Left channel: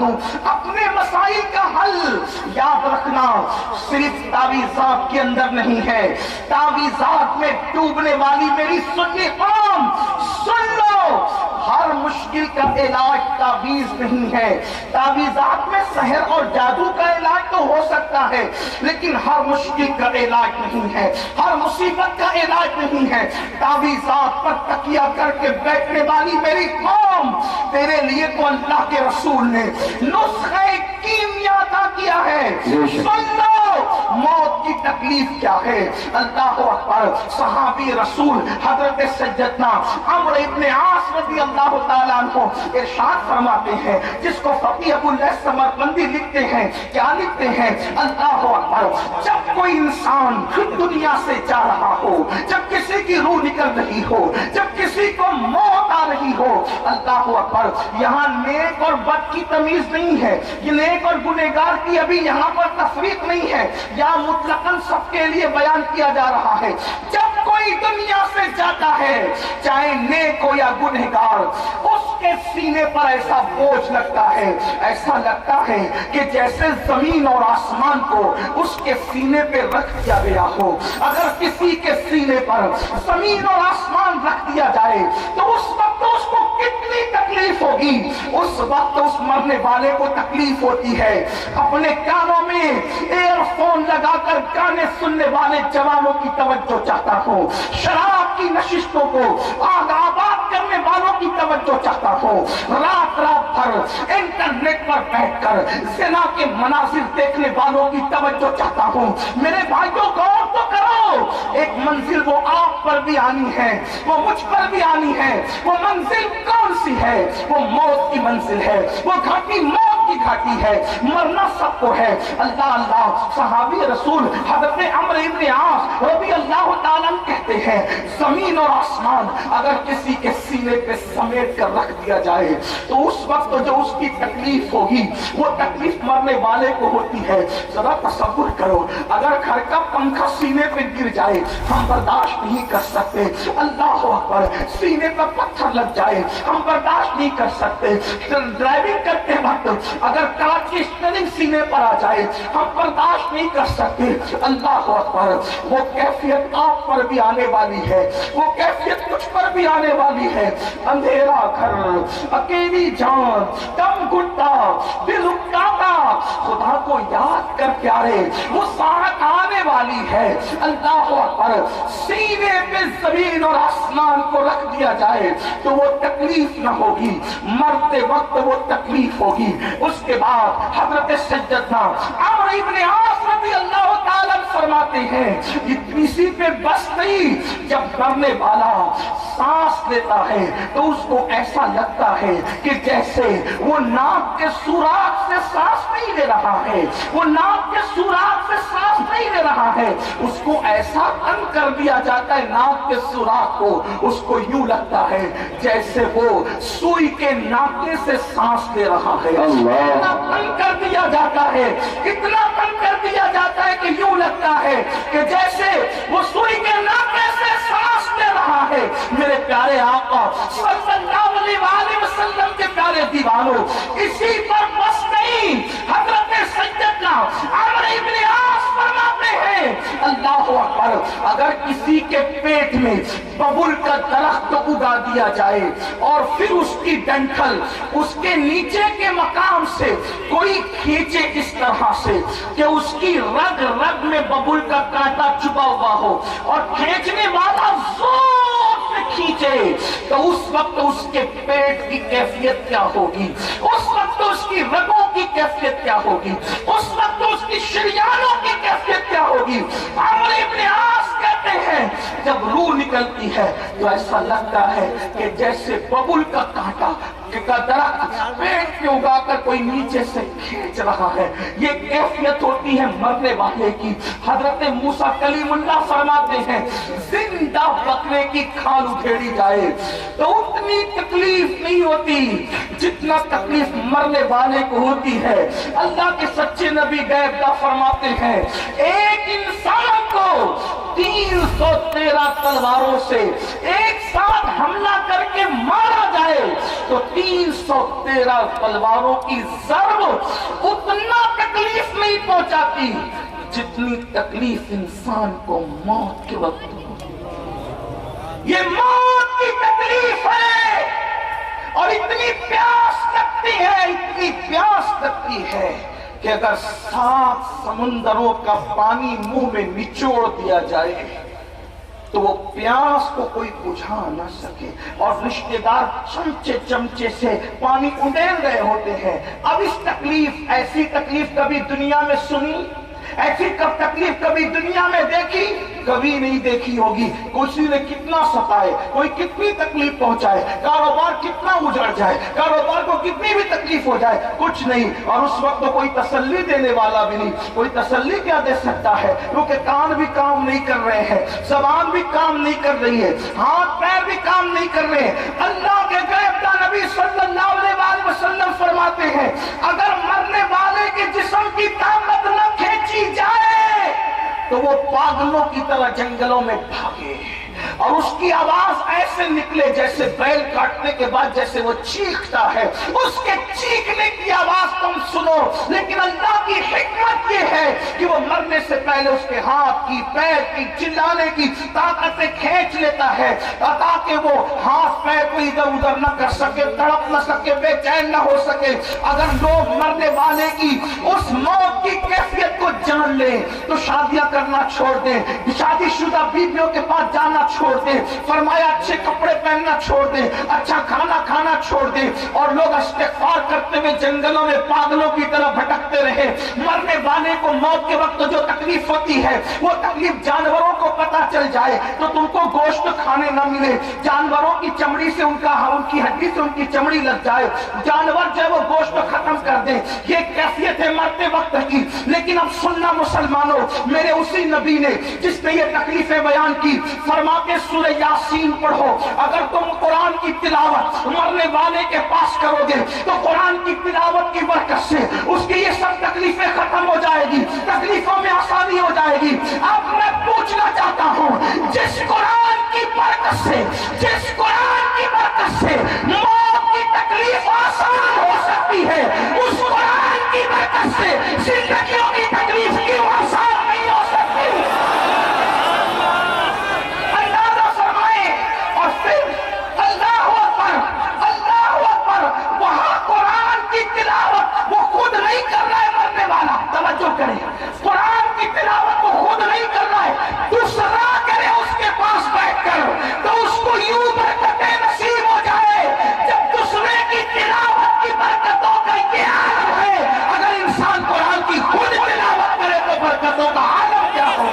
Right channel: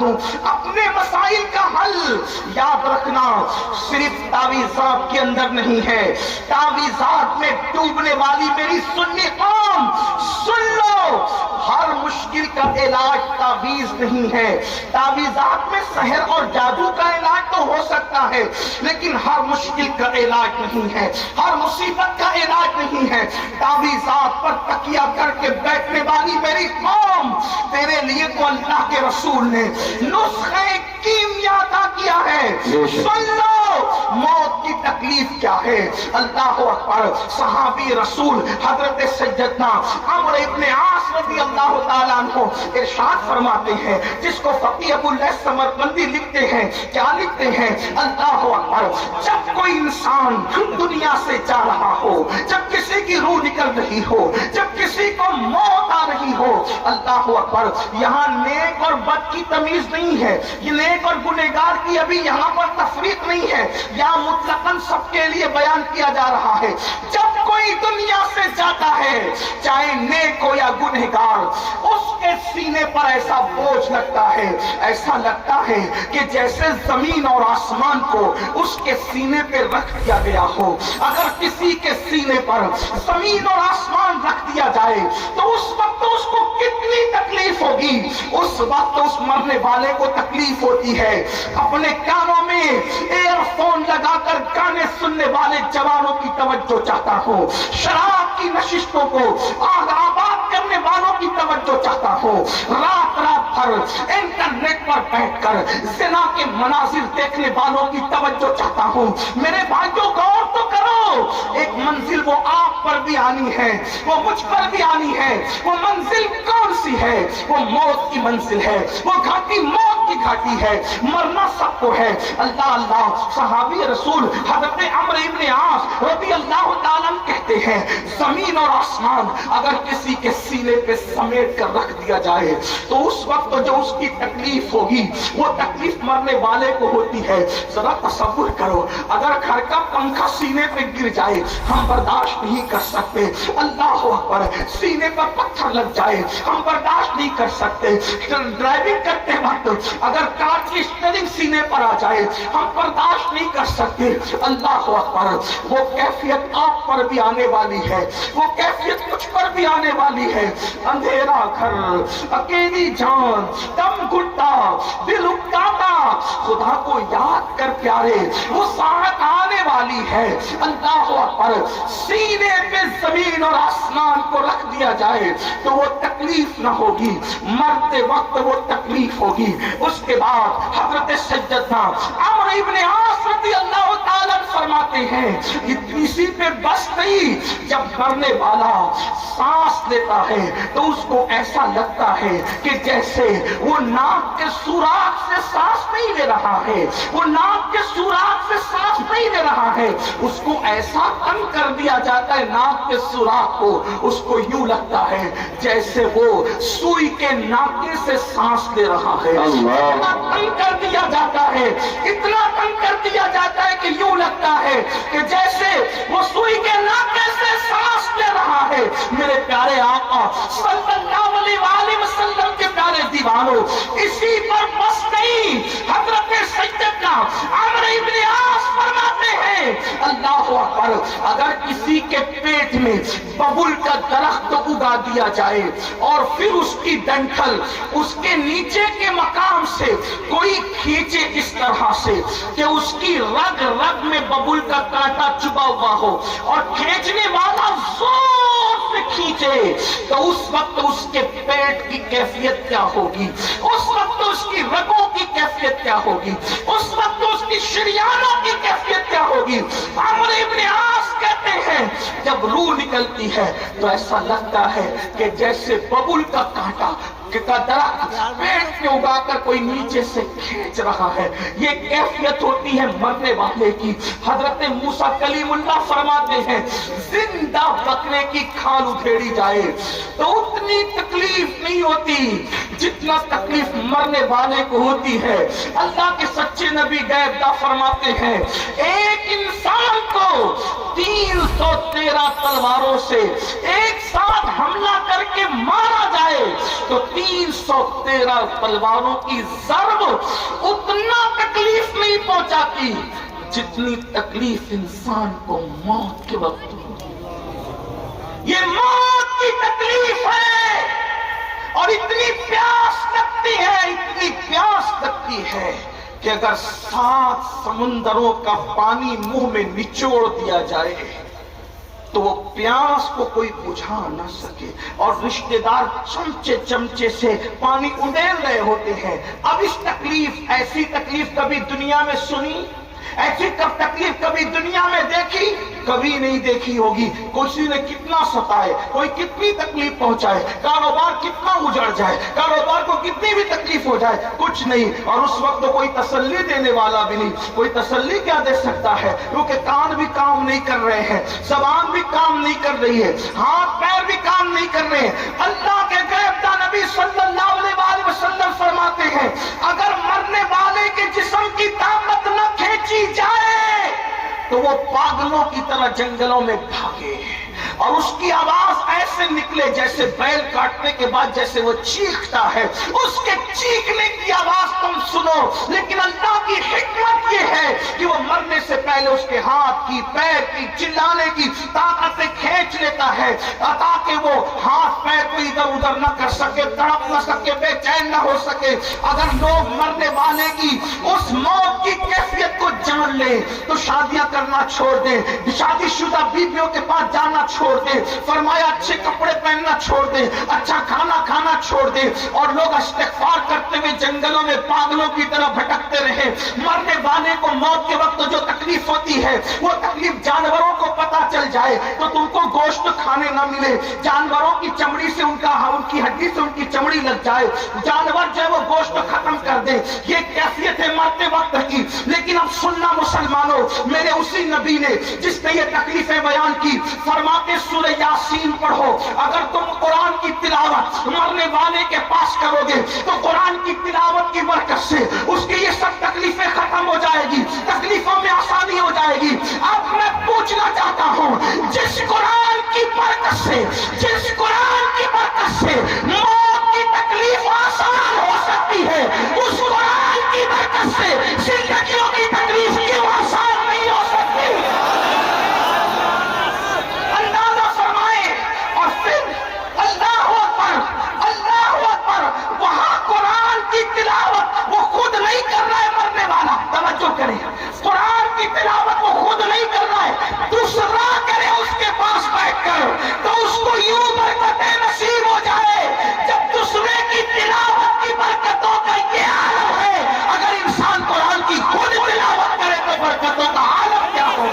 دوں اپنے مسائل کا حل۔ یاد رکھنا صرف تعویذات کے اندر نہیں ہے، تعویذات میں ڈوبنے والی میری سنی قوم سن لو، ہر مشکل کا علاج تعویذ نہیں ہے۔ تعویذات میں سحر اور جادو کا علاج تو ہو سکتا ہے، لیکن ہر مشکل کا علاج نہیں ہے، ہر مصیبت کا علاج نہیں ہے۔ تعویذات پر تکیہ کر کے بیٹھنے والی میری قوم، تیرے لیے تو اللہ کے رسول نے نسخہ کیمیا عطا کیا ہے۔ سن لو موت کی تکلیف کیا ہے۔ اللہ اکبر۔ صحابی رسول حضرت سیدنا عمرو ابن عاص رضی اللہ تعالیٰ عنہ ارشاد فرماتے ہیں، جس کو فقیہ ابو اللیث سمرقندی لکھتے ہیں، کیا لکھتے ہیں؟ اللہ اکبر، جب کوئی انسان دنیا سے جا رہا ہو، جب کسی کی روح نکل رہی ہو، جب کسی کو موت آ رہی ہو، اللہ اکبر، یہاں نیک اور بد کی تمیز نہیں ہے، یہ نیک اور گنہگار کی ابھی یہاں پر تفریق نہیں ہے، یا مطلقاً سب کے لیے بیان کیا جا رہا ہے۔ جب کوئی دنیا سے جاتا ہے، چاہے نیک ہو یا گنہگار، اس کے سینے پر ایسا بوجھ لگتا ہے، ایسا لگتا ہے کہ جیسے زمین اور آسمان کو اس کے سینے پہ رکھ دیا گیا ہو۔ اگر کسی کے سینے پر زمین اور آسمان رکھ دیا جائے تو اس وقت اس کو کتنی تکلیف ہوگی، اس وقت اس مرنے والے کو تکلیف ہوتی ہے۔ اپنے کانوں میں ایئر فون لگا کر گانے سننے والے جوانوں کی توجہ چاہتا ہوں، شراب کی نشستوں کو آباد کرنے والوں کی توجہ چاہتا ہوں، رات رات بھر انٹرنیٹ پر بیٹھ کر زنا کے مناظر دیکھنے والوں کی توجہ چاہتا ہوں۔ میرے بھائیوں غور تو کرو، ایک منزل وہ آپ پر بھی آنی ہے، وہ مجھ پر بھی آنی ہے۔ وہ منزل کون سی ہے؟ وہ موت کی منزل ہے، وہ گھاٹی موت کی گھاٹی ہے، مرنا سب کو ہے۔ اللہ اللہ، صحابی رسول حضرت عمرو ابن عاص رضی اللہ تعالیٰ کہتے ہیں، زمین اور آسمان اگر کسی کے سینے پہ سمیٹ کر رکھ دیا جائے تو اس وقت جو اس کی تکلیف ہوگی وہ تکلیف مرنے والے کو ہوتی ہے۔ ذرا تصور کرو، اگر گھر کا پنکھا سینے پہ گر جائے ہم برداشت نہیں کر سکتے، اللہ اکبر، سینے پر پتھر لگ جائے ہم برداشت نہیں کر سکتے، ڈرائیونگ کرتے وقت اگر کار کی اسٹیئرنگ سینے پر آ جائے ہم برداشت نہیں کر سکتے۔ اللہ اکبر، وہ کیفیت آپ پر بھی آنے والی ہے، وہ کیفیت مجھ پر بھی آنے والی ہے۔ اندھیرا گھر، اکیلی جان، کم گھٹا، دل اکتاتا، خدا کو یاد کر پیارے، وہ ساعت آنے والی ہے۔ اللہ اکبر، سینے پہ زمین اور آسمان کو رکھ دیا جائے تو وہ تکلیف نہ ہوگی، مرتے وقت وہ تکلیف ہوگی۔ اس کے بعد حضرت سیدنا عمرو ابن عاص رضی اللہ تعالیٰ فرماتے ہیں، اسی پہ بس نہیں، جب مرنے والا سانس لیتا ہے تو اس کو ایسا لگتا ہے کہ جیسے وہ ناک کے سوراخ سے سانس نہیں لے رہا ہے، وہ ناک کے سوراخ سے سانس نہیں لے رہا ہے، اس کو ایسا تنگ کر دیا جاتا ہے ناک کے سوراخ کو، اس کو یوں لگتا ہے جیسے وہ سوئی کے ناکے سے سانس لے رہا ہے۔ اتنا تنگ کر دیا جاتا ہے، اتنا تنگ کر دیا جاتا ہے کہ یوں لگتا ہے کہ جیسے وہ سوئی کے ناکے سے سانس لے رہا ہے۔ میرے پیارے آقا صلی اللہ علیہ وسلم کے پیارے دیوانوں، اسی پر بس نہیں، حضرت سیدنا عمرو ابن عاص فرماتے ہیں، اللہ اکبر، اگر کسی کے پیٹ میں ببل کا درخت اگا دیا جائے اور پھر اس کی ڈنٹل اس کے نیچے کے مقام سے کوئی کھینچے اس طرح سے کہ اس کی رگ رگ میں ببل کا کانٹا چبھا ہوا ہو اور کھینچنے والا زور سے کھینچے، تو اس وقت اس کے پیٹ کی کیفیت کیا ہوگی، اس وقت اس کی رگوں کی کیفیت کیا ہوگی، اس وقت اس کی شریانوں کی کیفیت کیا ہوگی۔ عمرو ابن عاص کہتے ہیں جب روح نکلتی ہے تو ایسا لگتا ہے کہ جیسے ببل کا کانٹا کا درخت پیٹ میں اگا کر کوئی نیچے سے کھینچ رہا ہے، یہ کیفیت ہوتی ہے مرنے والے کی۔ حضرت موسیٰ کلیم اللہ فرماتے ہیں، زندہ بکرے کی کھال ادھیڑی جائے تو اتنی تکلیف نہیں ہوتی جتنا تکلیف مرنے والے کو ہوتی ہے۔ اللہ کے سچے نبی غیب فرماتے ہیں، ایک انسان کو 313 تلواروں سے ایک ساتھ حملہ کر کے مارا جائے تو 313 تلواروں کی ضرب اتنا تکلیف نہیں پہنچاتی جتنی تکلیف انسان کو موت کے وقت ہوتی ہے۔ یہ موت کی تکلیف ہے اور اتنی پیاس لگتی ہے کہ اگر 7 سمندروں کا پانی منہ میں نچوڑ دیا جائے تو وہ پیاس کو کوئی بجھا نہ سکے، اور رشتہ دار چمچے سے پانی اڈیل رہے ہوتے ہیں۔ اب اس تکلیف، ایسی تکلیف کبھی دنیا میں سنی؟ ایسی تکلیف کبھی دنیا میں دیکھی؟ کبھی نہیں دیکھی ہوگی۔ کسی نے کتنا ستائے، کوئی کتنی تکلیف پہنچائے، کاروبار کتنا اجڑ جائے، کاروبار کو کتنی بھی تکلیف ہو جائے، کچھ نہیں، اور اس وقت تو کوئی تسلی دینے والا بھی نہیں۔ کوئی تسلی کیا دے سکتا ہے؟ کیونکہ کان بھی کام نہیں کر رہے ہیں، زبان بھی کام نہیں کر رہی ہے، ہاتھ پیر بھی کام نہیں کر رہے ہیں۔ اللہ کے غیبدہ نبی صلی اللہ علیہ وسلم فرماتے ہیں اگر مرنے والے کے جسم کی طاقت نہ کھینچی جائے تو وہ پاگلوں کی طرح جنگلوں میں بھاگے، اور اس کی آواز ایسے نکلے جیسے بیل کاٹنے کے بعد جیسے وہ چیختا ہے، اس کے چیخنے کی آواز تم سنو۔ لیکن اللہ کی حکمت یہ ہے کہ وہ مرنے سے پہلے اس کے ہاتھ کی، پیر کی، چلانے کی طاقتیں کھینچ لیتا ہے تاکہ وہ ہاتھ پیر کو ادھر ادھر نہ کر سکے، تڑپ نہ سکے، بے چین نہ ہو سکے۔ اگر لوگ مرنے والے کی اس موت کی کیفیت کو جان لیں تو شادیاں کرنا چھوڑ دیں، شادی شدہ بیویوں کے پاس جانا چھوڑ دیں، فرمایا اچھے کپڑے پہننا چھوڑ دیں، اچھا کھانا کھانا چھوڑ دیں، اور لوگ استغفار کرتے ہوئے جنگلوں میں پاگلوں کی طرح بھٹکتے رہے۔ مرنے والے کو موت کے وقت جو تکلیف ہوتی ہے وہ تکلیف جانوروں کو پتہ چل جائے تو تم کو گوشت کھانے نہ ملے، جانوروں کی چمڑی سے ان کی ہڈی سے ان کی چمڑی لگ جائے، جانور جو ہے وہ گوشت ختم کر دے، یہ کیفیت ہے مرتے وقت کی۔ لیکن اب سننا مسلمانوں، میرے اسی نبی نے جس نے یہ تکلیفیں بیان کی، فرماتے سورہ یاسین پڑھو، اگر تم قرآن کی تلاوت مرنے والے کے پاس کرو گے تو قرآن کی تلاوت کی برکت سے اس کی یہ سب تکلیفیں ختم ہو جائے گی، تکلیفوں میں آسانی ہو جائے گی۔ اب میں پوچھنا چاہتا ہوں، جس قرآن کی برکت سے، جس قرآن کی برکت سے موت کی تکلیف آسان ہو سکتی ہے، اس قرآن کی برکت سے زندگیوں کی تکلیف کیوں آسان نہیں ہو سکتی؟ اندازہ فرمائیں۔ اور پھر اللہ اکبر، اللہ اکبر، وہاں قرآن کی تلاوت وہ خود نہیں کر رہا ہے مرنے والا، توجہ کریں، قرآن کی تلاوت وہ خود نہیں کر رہا ہے، دوسرا کرے اس کے پاس بیٹھ کر تو اس کو یوں برکتیں نصیب ہو جائے۔ جب دوسرے کی تلاوت کی برکتوں کا یہ عالم ہے، اگر انسان قرآن کی خود تلاوت کرے تو برکتوں کا عالم کیا ہو؟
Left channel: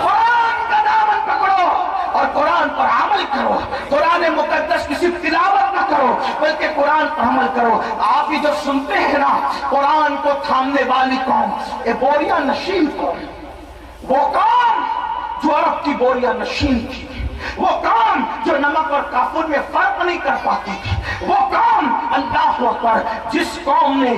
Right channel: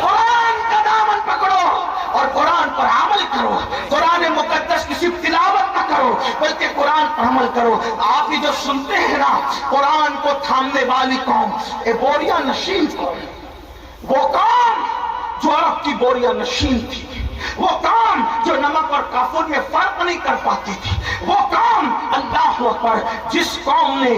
قرآن کا دامن پکڑو اور قرآن پر عمل کرو، قرآن مقدس کی صرف تلاوت نہ کرو بلکہ قرآن پر عمل کرو۔ آپ یہ جو سنتے ہیں نا، قرآن کو تھامنے والی قوم، بوریا نشین قوم، وہ قوم جو عرب کی بوریا نشین تھی، وہ قوم جو نمک اور کافور میں فرق نہیں کر پاتی تھی، وہ قوم اللہ اکبر جس قوم نے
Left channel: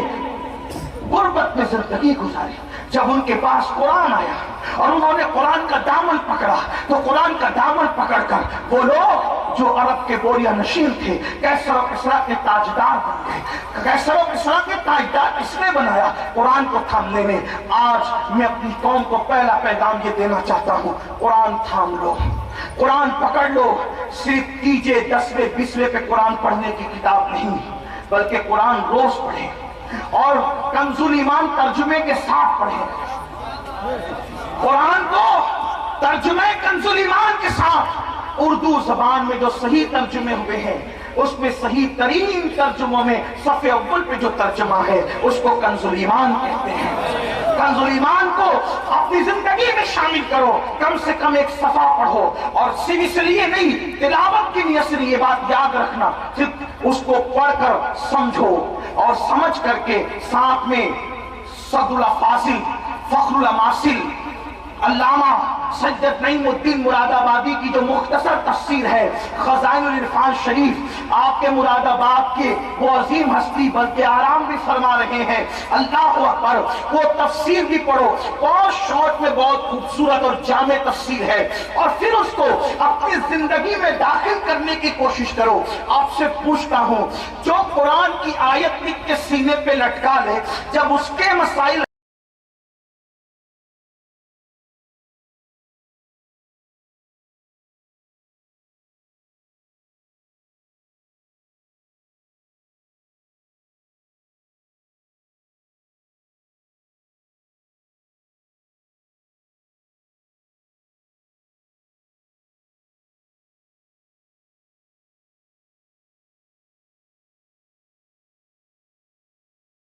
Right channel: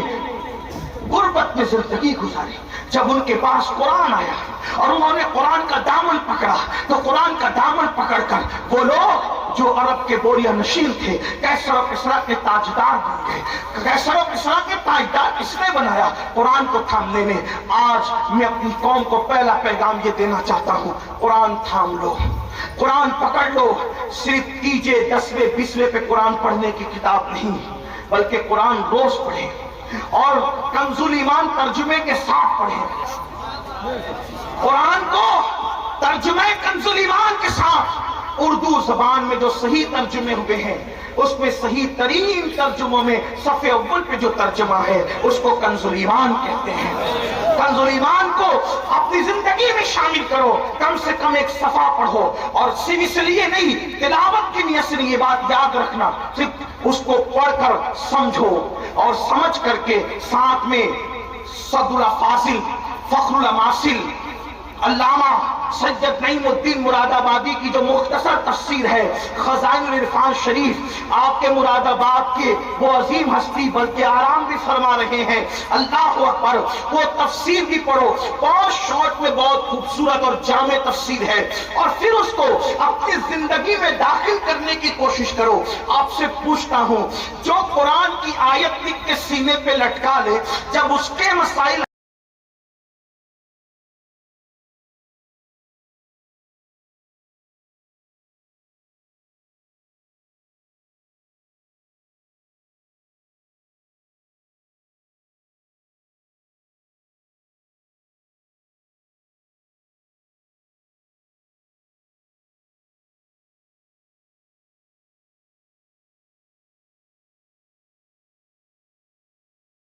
غربت میں زندگی گزاری، جب ان کے پاس قرآن آیا اور انہوں نے قرآن کا دامن پکڑا تو قرآن کا دامن پکڑ کر وہ لوگ جو عرب کے بوریا نشین تھے، کیسر و کسریٰ کے تاجدار بن گئے۔ کیسر و کسریٰ کے تاجدار کس نے بنایا؟ قرآن کو تھامنے نے۔ آج میں اپنی قوم کو پہلا پیغام یہ دینا چاہتا ہوں، قرآن تھام لو، قرآن پکڑ لو۔ صرف تیجے 10ویں 20ویں پہ قرآن پڑھنے کی کتاب نہیں، بلکہ قرآن روز پڑھیں اور کنز الایمان ترجمے کے ساتھ پڑھیں۔ قرآن کو ترجمے کنز الایمان کے ساتھ، اردو زبان میں جو صحیح ترجمے ہوئے ہیں اس میں صحیح ترین ترجموں میں صفحے اول پہ جو ترجمہ ہے اس کو کنز الایمان کہتے ہیں۔ کنز الایمان کو اپنی زندگی میں شامل کرو، کم سے کم ایک صفحہ پڑھو، اور صرف اس لیے نہیں، تلاوت کی نیت سے یہ بات یاد رکھنا، صرف اس کو پڑھ کر سمجھو اور سمجھ کر کے ساتھ میں صد الافاضل، فخر الاماثل، علامہ سید نعیم الدین مراد آبادی کی جو مختصر تفسیر ہے خزائن العرفان شریف، آپ کے مراد آباد کے وہ عظیم ہستی بلکہ آرام بھی فرما رہے ہیں، اللہ اکبر، وہ تفسیر بھی پڑھو، بہت شارٹ میں بہت خوبصورت اور جامع تفسیر ہے، اور پھر اس کو اپنی زندگی میں داخل کرنے کی کوشش کرو۔ آپ سے پوچھتا ہوں، جو قرآن کی آیت لکھ کے سینے پہ لٹکا لے، جب اس کے مسائل